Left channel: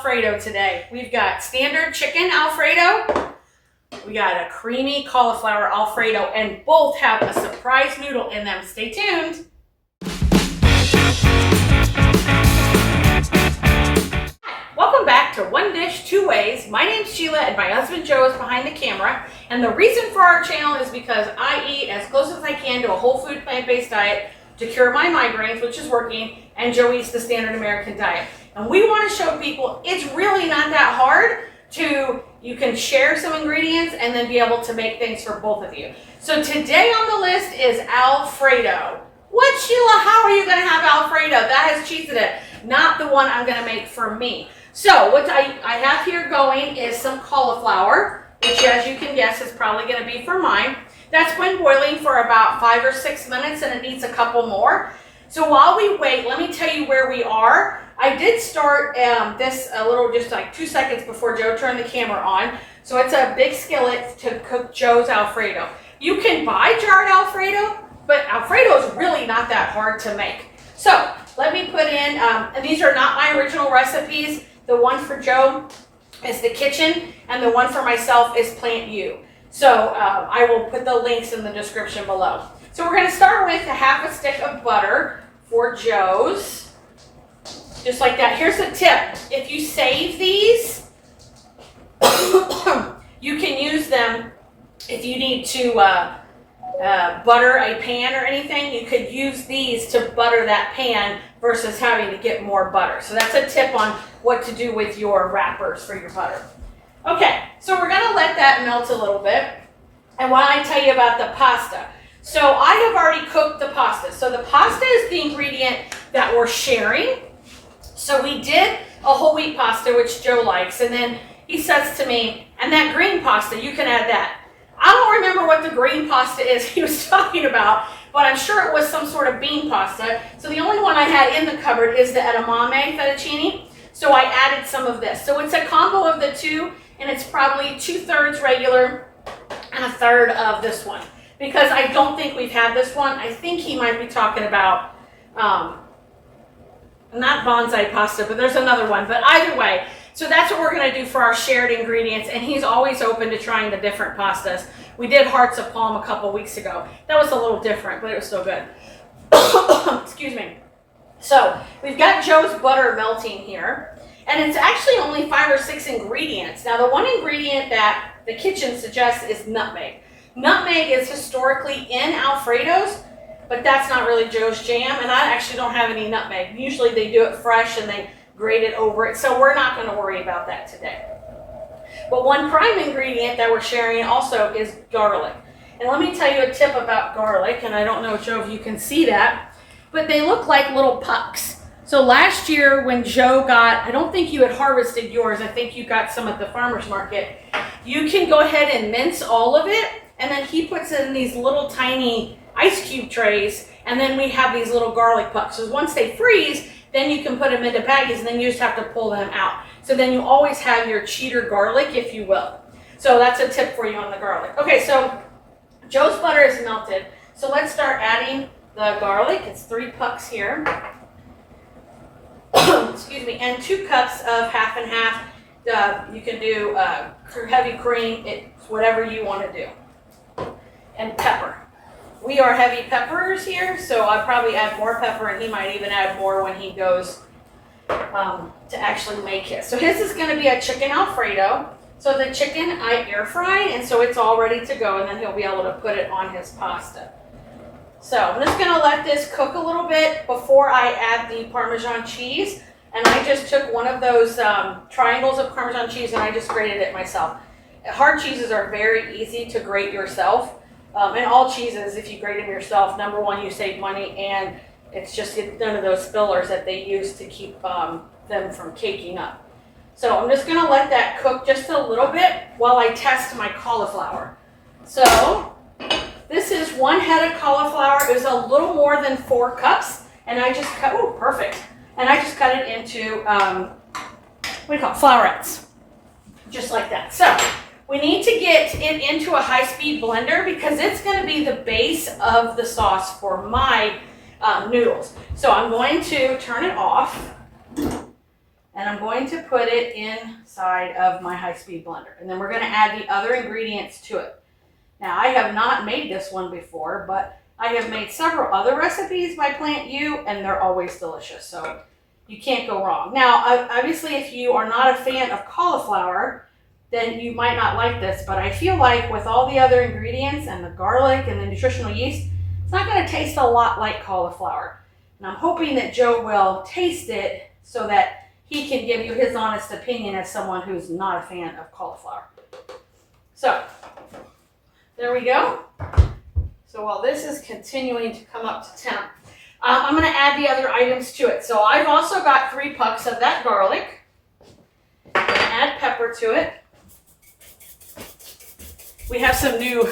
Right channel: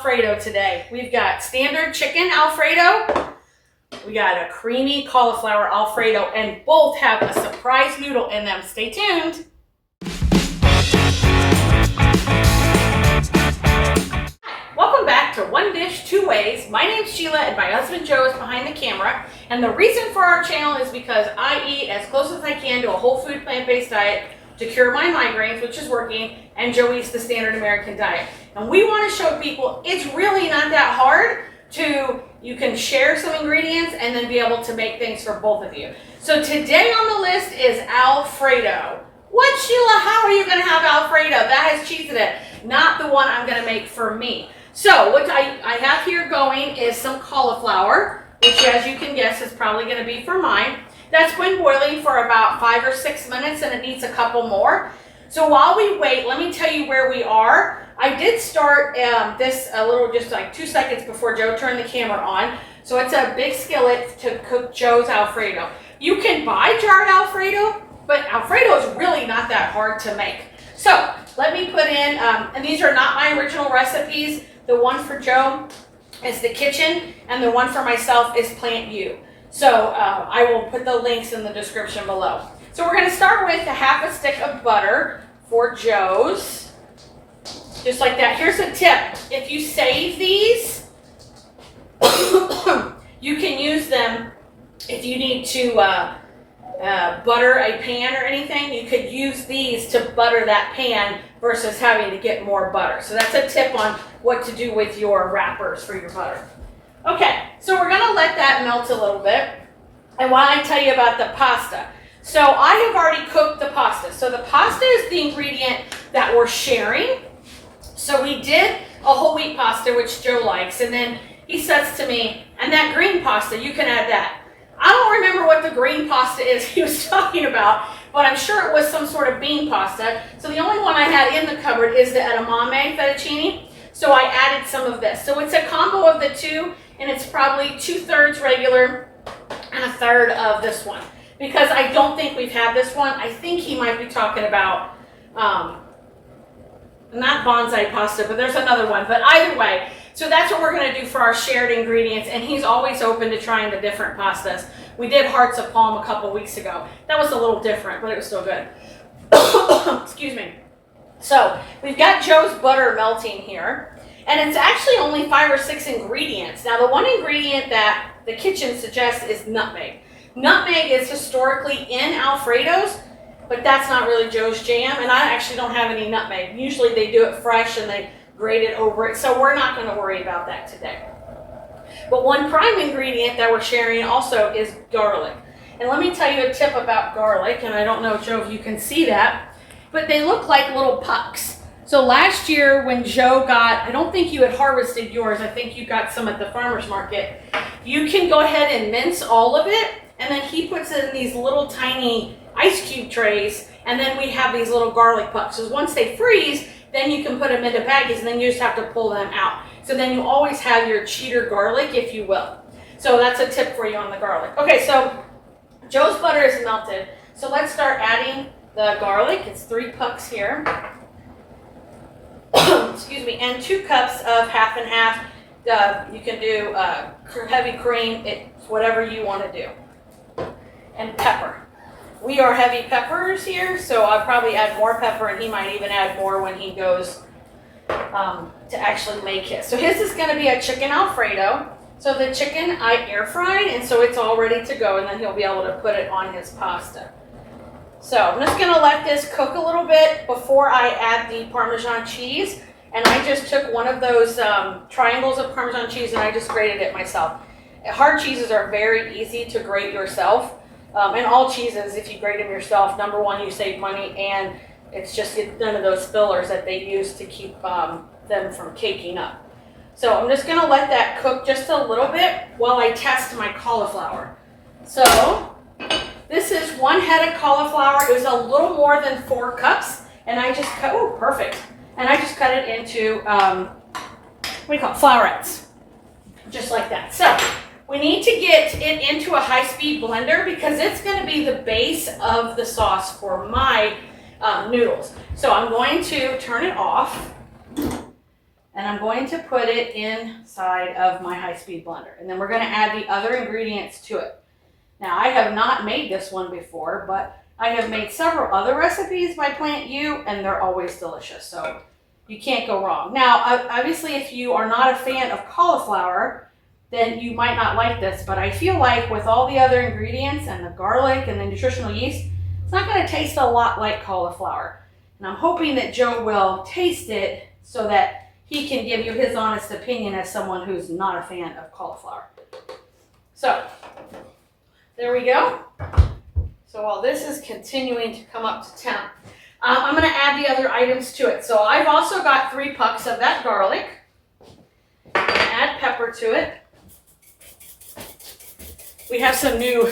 Alfredo today. We've got standard chicken Alfredo. We got a creamy cauliflower Alfredo, and both have a surprise noodle in them. Stay tuned. Welcome back to One Dish, Two Ways. My name's Sheila and my husband Joe is behind the camera. And the reason for our channel is because I eat as close as I can to a whole food plant-based diet to cure my migraines, which is working, and Joe eats the standard American diet. And we want to show people it's really not that hard you can share some ingredients and then be able to make things for both of you. So today on the list is Alfredo. What, Sheila, how are you going to have Alfredo? That has cheese in it. Not the one I'm going to make for me. So what I have here going is some cauliflower, which as you can guess is probably going to be for mine. That's been boiling for about 5 or 6 minutes and it needs a couple more. So while we wait, let me tell you where we are. I did start this a little, just like 2 seconds before Joe turned the camera on. So it's a big skillet to cook Joe's Alfredo. You can buy jarred Alfredo, but Alfredo is really not that hard to make. So let me put in, and these are not my original recipes. The one for Joe is the kitchen, and the one for myself is Plant U. So I will put the links in the description below. So we're going to start with a half a stick of butter for Joe's. Just like that. Here's a tip. If you save these, you can use them if you need to butter a pan or anything. You could use these to butter that pan versus having to get more butter. So that's a tip on what to do with your wrappers for your butter. Okay, so we're going to let that melt a little bit. And while I tell you about the pasta. So I have already cooked the pasta. So the pasta is the ingredient that we're sharing. So we did a whole wheat pasta, which Joe likes, and then he says to me, and that green pasta, you can add that. I don't remember what the green pasta is he was talking about, but I'm sure it was some sort of bean pasta. So the only one I had in the cupboard is the edamame fettuccine. So I added some of this. So it's a combo of the two, and it's probably 2/3 regular and 1/3 of this one. Because I don't think we've had this one. I think he might be talking about, not bonsai pasta, but there's another one. But either way, so that's what we're going to do for our shared ingredients. And he's always open to trying the different pastas. We did hearts of palm a couple weeks ago. That was a little different, but it was still good. Excuse me. So we've got Joe's butter melting here. And it's actually only 5 or 6 ingredients. Now the one ingredient that the kitchen suggests is nutmeg. Nutmeg is historically in Alfredos, but that's not really Joe's jam, and I actually don't have any nutmeg. Usually they do it fresh and they grate it over it, so we're not going to worry about that today. But one prime ingredient that we're sharing also is garlic. And let me tell you a tip about garlic, and I don't know, Joe, if you can see that, but they look like little pucks. So last year when Joe got, I don't think you had harvested yours, I think you got some at the farmer's market, you can go ahead and mince all of it, and then he puts it in these little tiny ice cube trays, and then we have these little garlic pucks. So once they freeze, then you can put them into baggies, and then you just have to pull them out. So then you always have your cheater garlic, if you will. So that's a tip for you on the garlic. Okay, so Joe's butter is melted. So let's start adding the garlic. It's 3 pucks here. Excuse me, and 2 cups of half and half. You can do heavy cream, it's whatever you want to do. And pepper. We are heavy peppers here, so I'll probably add more pepper, and he might even add more when he goes to actually make his. So his is going to be a chicken Alfredo. So the chicken I air fried, and so it's all ready to go, and then he'll be able to put it on his pasta. So I'm just going to let this cook a little bit before I add the Parmesan cheese. And I just took one of those triangles of Parmesan cheese and I just grated it myself. Hard cheeses are very easy to grate yourself. And all cheeses, if you grate them yourself, number one, you save money, and it's just none of those fillers that they use to keep them from caking up. So I'm just going to let that cook just a little bit while I test my cauliflower. So this is 1 head of cauliflower. It was a little more than 4 cups, and I just cut, oh, perfect. And I just cut it into, what do you call it, flowerets, just like that. So we need to get it into a high-speed blender because it's going to be the base of the sauce for my noodles. So I'm going to turn it off, and and I'm going to put it inside of my high-speed blender. And then we're going to add the other ingredients to it. Now, I have not made this one before, but I have made several other recipes by Plant U, and they're always delicious, so you can't go wrong. Now, obviously, if you are not a fan of cauliflower, then you might not like this, but I feel like with all the other ingredients and the garlic and the nutritional yeast, it's not going to taste a lot like cauliflower. And I'm hoping that Joe will taste it so that he can give you his honest opinion as someone who's not a fan of cauliflower. So, there we go. So while this is continuing to come up to temp, I'm going to add the other items to it. So I've also got 3 pucks of that garlic. I'm going to add pepper to it. We have some new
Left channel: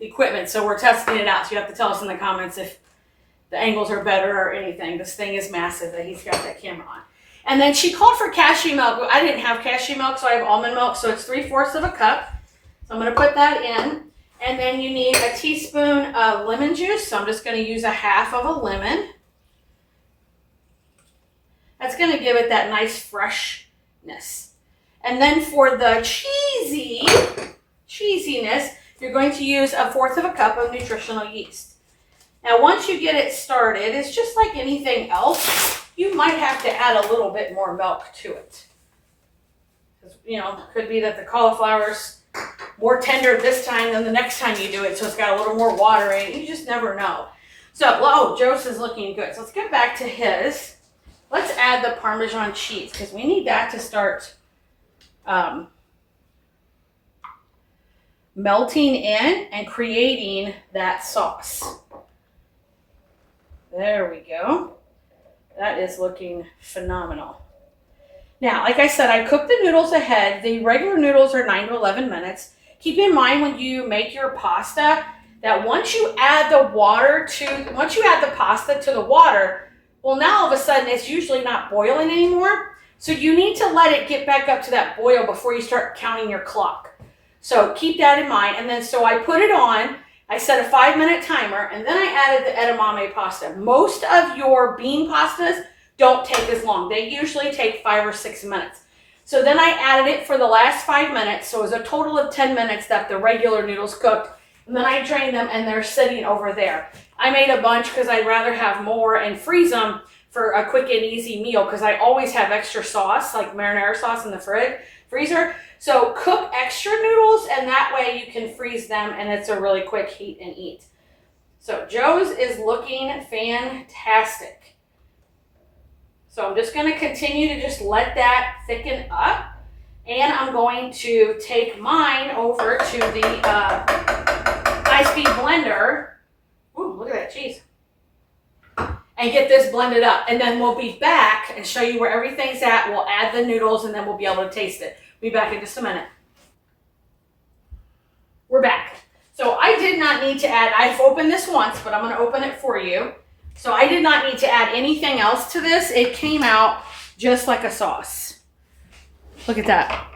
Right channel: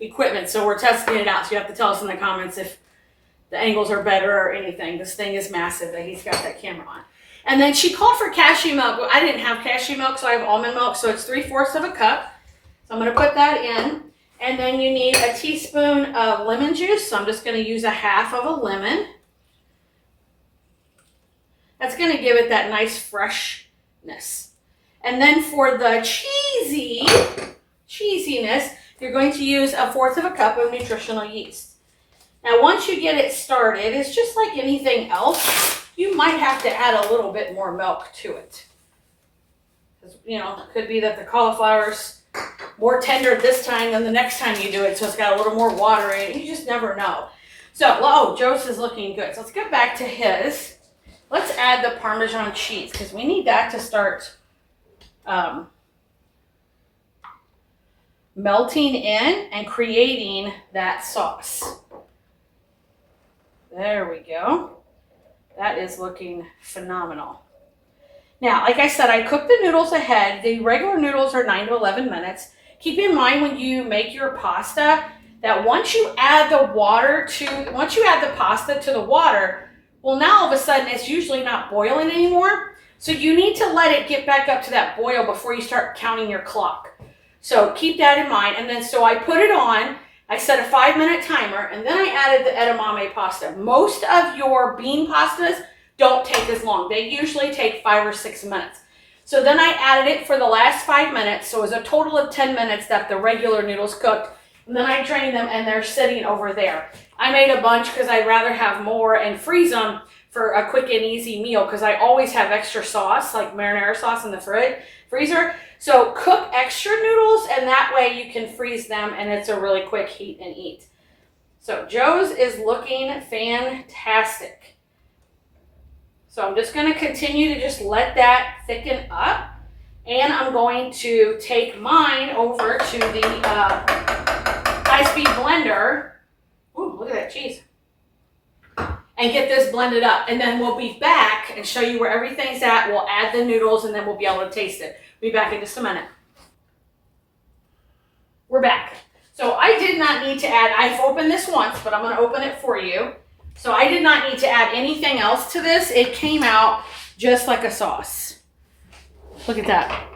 equipment, so we're testing it out. So you have to tell us in the comments if the angles are better or anything. This thing is massive that he's got that camera on. And then she called for cashew milk. I didn't have cashew milk, so I have almond milk. So it's 3/4 of a cup. So I'm going to put that in. And then you need a teaspoon of lemon juice. So I'm just going to use 1/2 of a lemon. That's going to give it that nice freshness. And then for the cheesiness, you're going to use 1/4 of a cup of nutritional yeast. Now, once you get it started, it's just like anything else. You might have to add a little bit more milk to it. You know, it could be that the cauliflower's more tender this time than the next time you do it, so it's got a little more water in it. You just never know. So, oh, Joe's is looking good. So let's get back to his. Let's add the Parmesan cheese because we need that to start melting in and creating that sauce. There we go. That is looking phenomenal. Now, like I said, I cooked the noodles ahead. The regular noodles are 9 to 11 minutes. Keep in mind when you make your pasta that once you add the pasta to the water, well, now all of a sudden it's usually not boiling anymore. So you need to let it get back up to that boil before you start counting your clock. So keep that in mind. And then so I put it on. I set a 5-minute timer, and then I added the edamame pasta. Most of your bean pastas don't take as long. They usually take 5 or 6 minutes. So then I added it for the last 5 minutes. So it was a total of 10 minutes that the regular noodles cooked. And then I drained them, and they're sitting over there. I made a bunch because I'd rather have more and freeze them for a quick and easy meal because I always have extra sauce, like marinara sauce in the freezer. So cook extra noodles, and that way you can freeze them, and it's a really quick heat and eat. So Joe's is looking fantastic. So I'm just going to continue to just let that thicken up, and I'm going to take mine over to the high-speed blender. Ooh, look at that cheese. And get this blended up, and then we'll be back and show you where everything's at. We'll add the noodles, and then we'll be able to taste it. Be back in just a minute. We're back. So I did not need to add, I've opened this once, but I'm going to open it for you. So I did not need to add anything else to this. It came out just like a sauce. Look at that.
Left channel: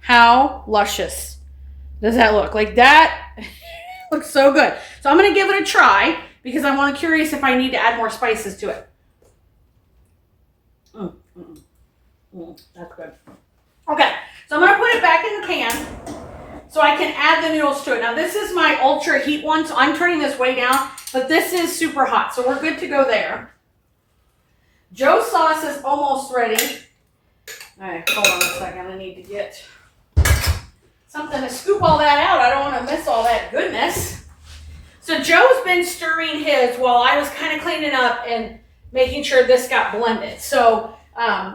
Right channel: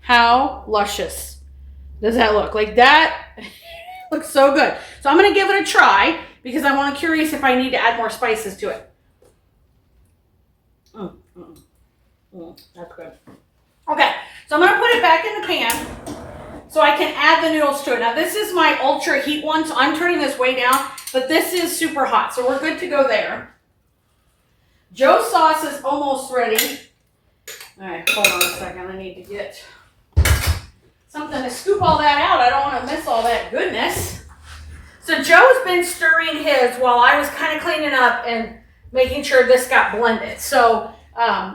How luscious does that look? Like that looks so good. So I'm going to give it a try because I'm curious if I need to add more spices to it. That's good. Okay, so I'm going to put it back in the pan so I can add the noodles to it. Now, this is my ultra heat one, so I'm turning this way down, but this is super hot, so we're good to go there. Joe's sauce is almost ready. All right, hold on a second. I need to get something to scoop all that out. I don't want to miss all that goodness. So Joe's been stirring his while I was kind of cleaning up and making sure this got blended. So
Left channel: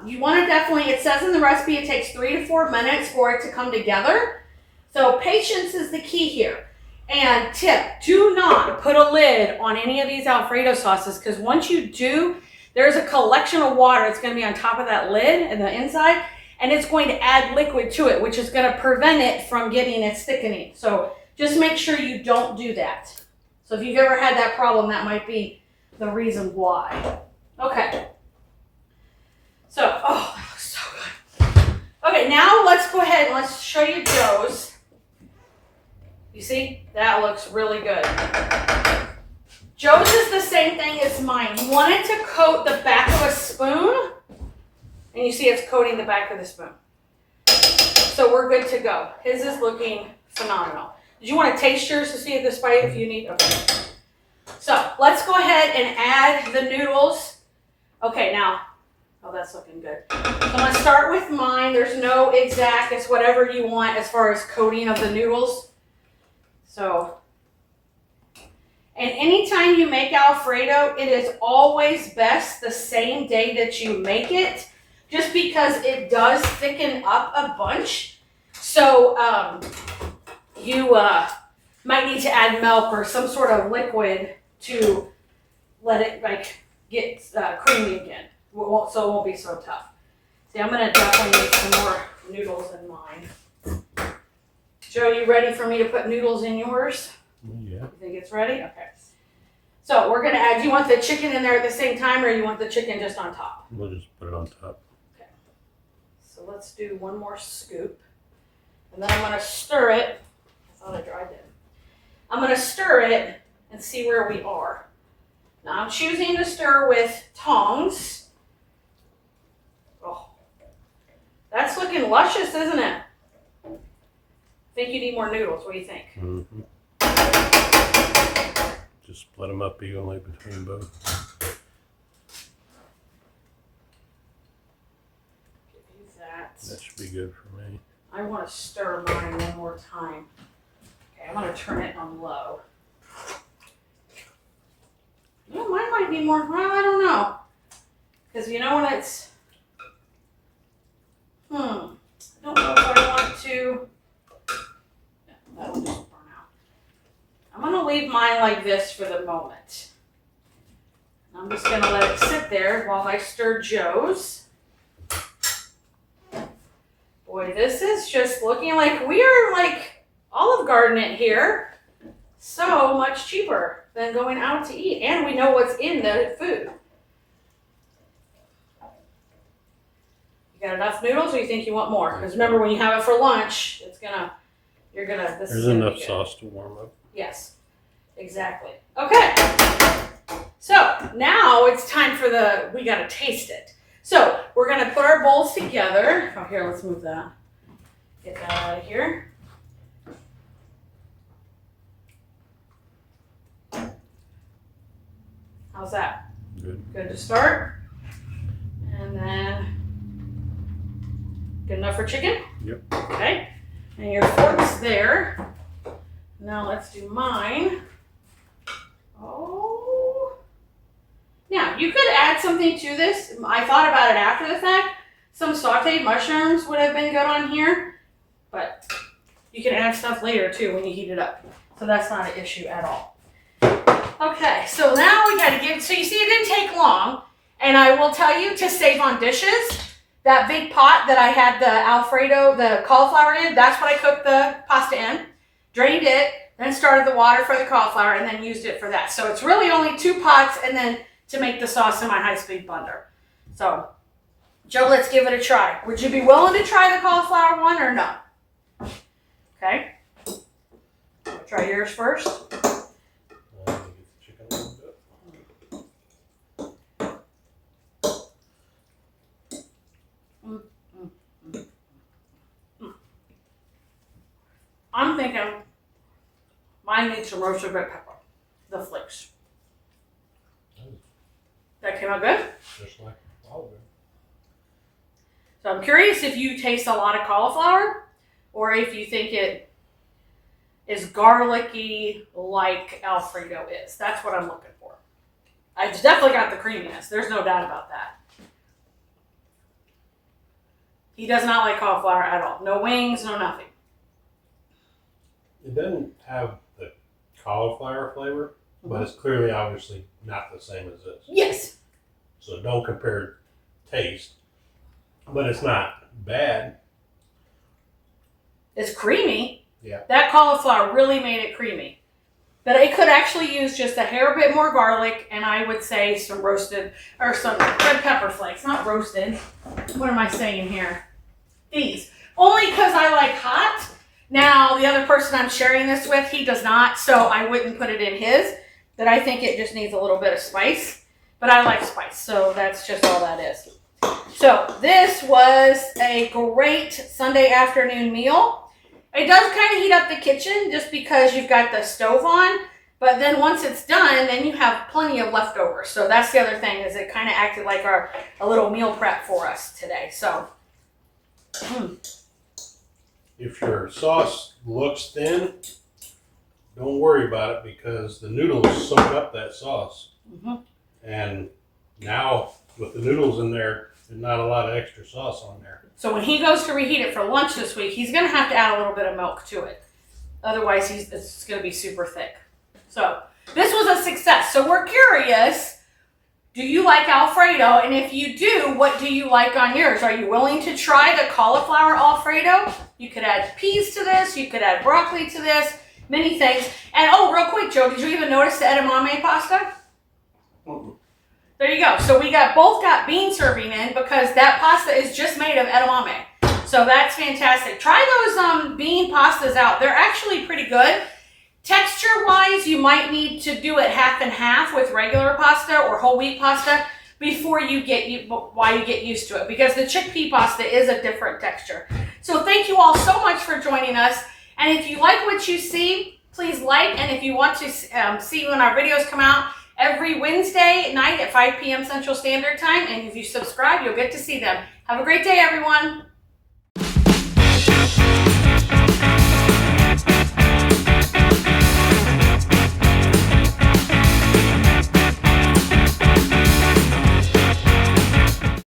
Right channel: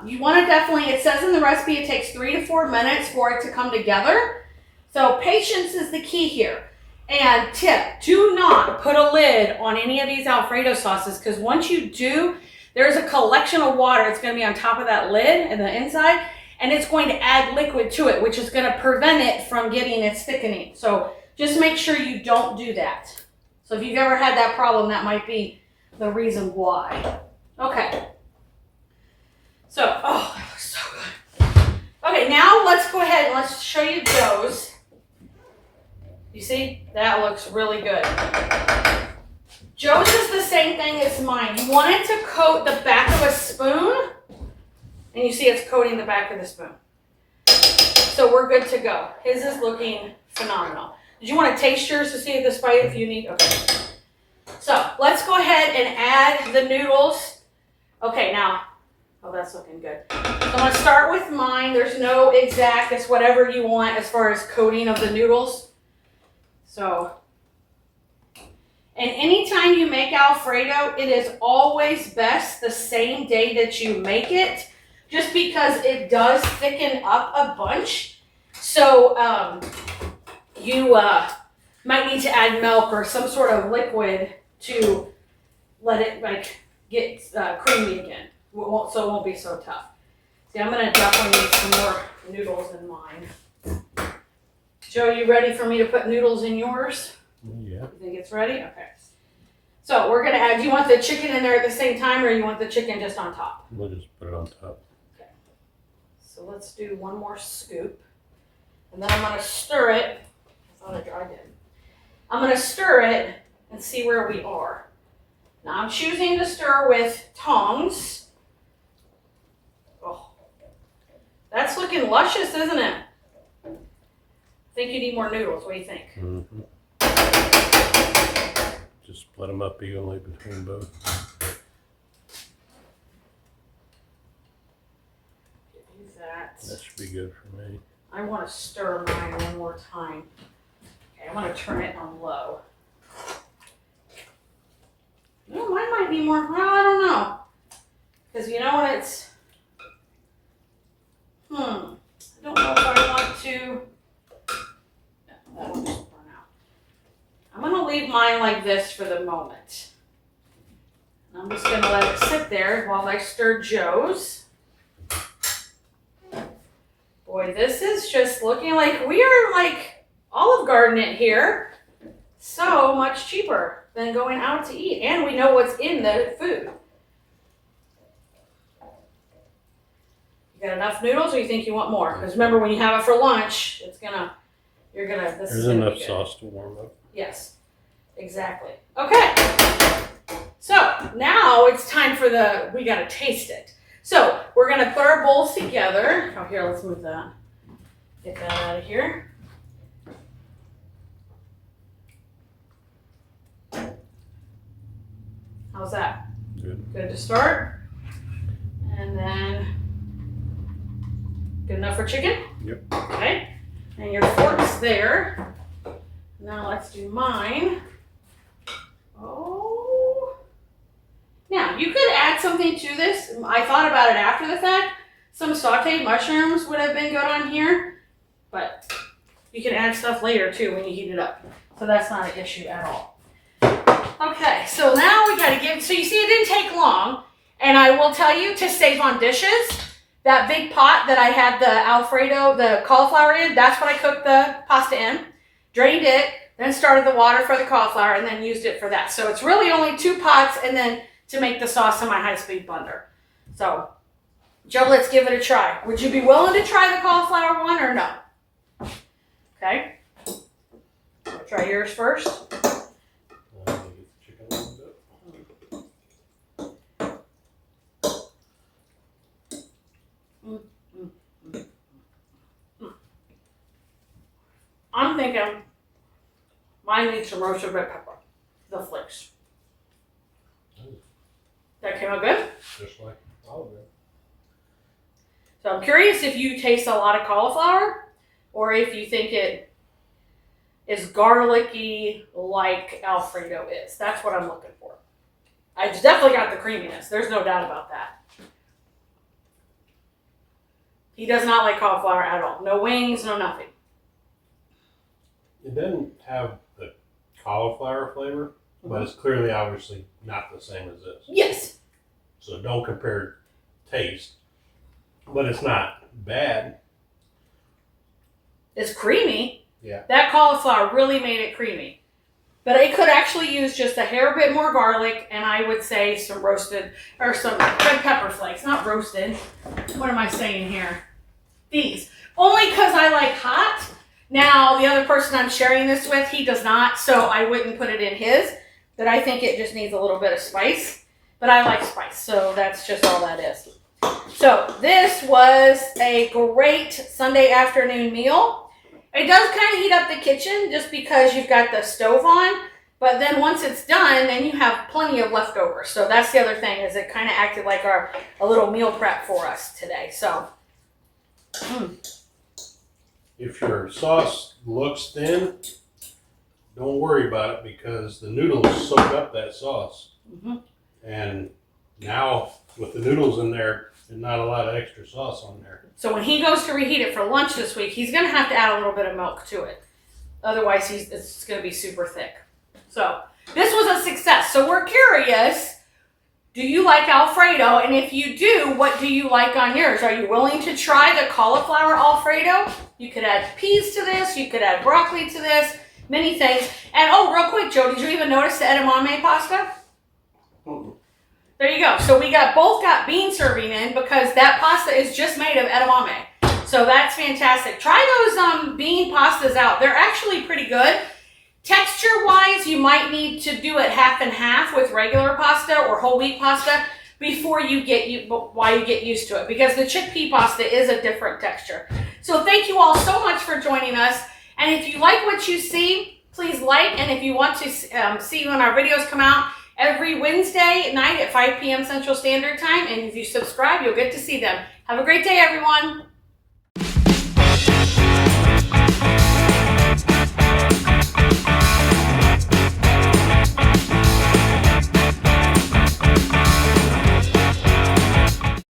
you want to definitely, it says in the recipe, it takes 3 to 4 minutes for it to come together. So patience is the key here. And tip, do not put a lid on any of these Alfredo sauces because once you do, there's a collection of water that's going to be on top of that lid and the inside, and it's going to add liquid to it, which is going to prevent it from getting its thickening. So just make sure you don't do that. So if you've ever had that problem, that might be the reason why. Okay. So, oh, that looks so good. Okay, now let's go ahead and let's show you Joe's. You see? That looks really good. Joe's is the same thing as mine. You want it to coat the back of a spoon And you see it's coating the back of the spoon. So we're good to go. His is looking phenomenal. Did you want to taste yours to see if the spice, if you need? Okay. So let's go ahead and add the noodles. Okay, now, oh, that's looking good. So I'm going to start with mine. There's no exact, it's whatever you want as far as coating of the noodles. So, and anytime you make Alfredo, it is always best the same day that you make it, just because it does thicken up a bunch. So you might need to add milk or some sort of liquid to let it like get creamy again, so it won't be so tough. See, I'm gonna definitely need some more noodles in mine. Joe, you ready for me to put noodles in yours? Yeah. You think it's ready? Okay. So we're gonna add, do you want the chicken in there at the same time, or you want the chicken just on top? We'll just put it on top. Okay. So let's do one more scoop. And then I'm gonna stir it. I thought I dried it. I'm gonna stir it and see where we are. Now I'm choosing to stir with tongs. Oh, that's looking luscious, isn't it? I think you need more noodles. What do you think? Mm-hmm. Just split them up evenly between both. Use that. That should be good for me. I want to stir mine one more time. Okay, I'm going to turn it on low. You know, mine might be more, well, I don't know. Because you know when it's, I don't know if I want to, that one just burn out. I'm going to leave mine like this for the moment. I'm just going to let it sit there while I stir Joe's. Boy, this is just looking like we are like Olive Garden it here. So much cheaper than going out to eat. And we know what's in the food. You got enough noodles, or you think you want more? Because remember, when you have it for lunch, this There's is enough sauce to warm up. Yes, exactly. Okay. So now it's time for we got to taste it. So we're going to put our bowls together. Oh, here, let's move that. Get that out of here. How's that? Good. Good to start. And then, good enough for chicken? Yep. Okay. And your fork's there. Now let's do mine. Oh. Now, you could add something to this. I thought about it after the fact. Some sauteed mushrooms would have been good on here. But you can add stuff later too when you heat it up. So that's not an issue at all. Okay, so now we gotta so you see it didn't take long. And I will tell you to save on dishes. That big pot that I had the Alfredo, the cauliflower in, that's what I cooked the pasta in. Drained it, then started the water for the cauliflower, and then used it for that. So it's really only 2 pots, and then to make the sauce in my high-speed blender. So, Joe, let's give it a try. Would you be willing to try the cauliflower one or no? Okay. I'll try yours first. Get the chicken a little bit. I'm thinking mine needs some roasted red pepper. The flakes. That came out good? Just like olive oil. So I'm curious if you taste a lot of cauliflower or if you think it is garlicky like Alfredo is. That's what I'm looking for. I definitely got the creaminess. There's no doubt about that. He does not like cauliflower at all. No wings, no nothing. It doesn't have the cauliflower flavor, but it's clearly obviously not the same as this. Yes. So don't compare taste, but it's not bad. It's creamy. Yeah. That cauliflower really made it creamy. But it could actually use just a hair bit more garlic, and I would say some roasted, or some red pepper flakes, not roasted. What am I saying here? These. Only because I like hot. Now, the other person I'm sharing this with, he does not, so I wouldn't put it in his. But I think it just needs a little bit of spice. But I like spice, so that's just all that is. So this was a great Sunday afternoon meal. It does kind of heat up the kitchen just because you've got the stove on, but then once it's done, then you have plenty of leftovers. So that's the other thing, is it kind of acted like a little meal prep for us today. So If your sauce looks thin, don't worry about it because the noodles soak up that sauce. And now with the noodles in there, there's not a lot of extra sauce on there. So when he goes to reheat it for lunch this week, he's going to have to add a little bit of milk to it. Otherwise, it's going to be super thick. So this was a success. So we're curious, do you like Alfredo? And if you do, what do you like on yours? Are you willing to try the cauliflower Alfredo? You could add peas to this. You could add broccoli to this. Many things. And oh, real quick, Joe, did you even notice the edamame pasta? There you go. So we both got bean serving in because that pasta is just made of edamame. So that's fantastic. Try those bean pastas out. They're actually pretty good. Texture-wise, you might need to do it half and half with regular pasta or whole wheat pasta before you get used to it, because the chickpea pasta is a different texture. So thank you all so much for joining us. And if you like what you see, please like. And if you want to see when our videos come out, every Wednesday night at 5 p.m. Central Standard Time. And if you subscribe, you'll get to see them. Have a great day, everyone.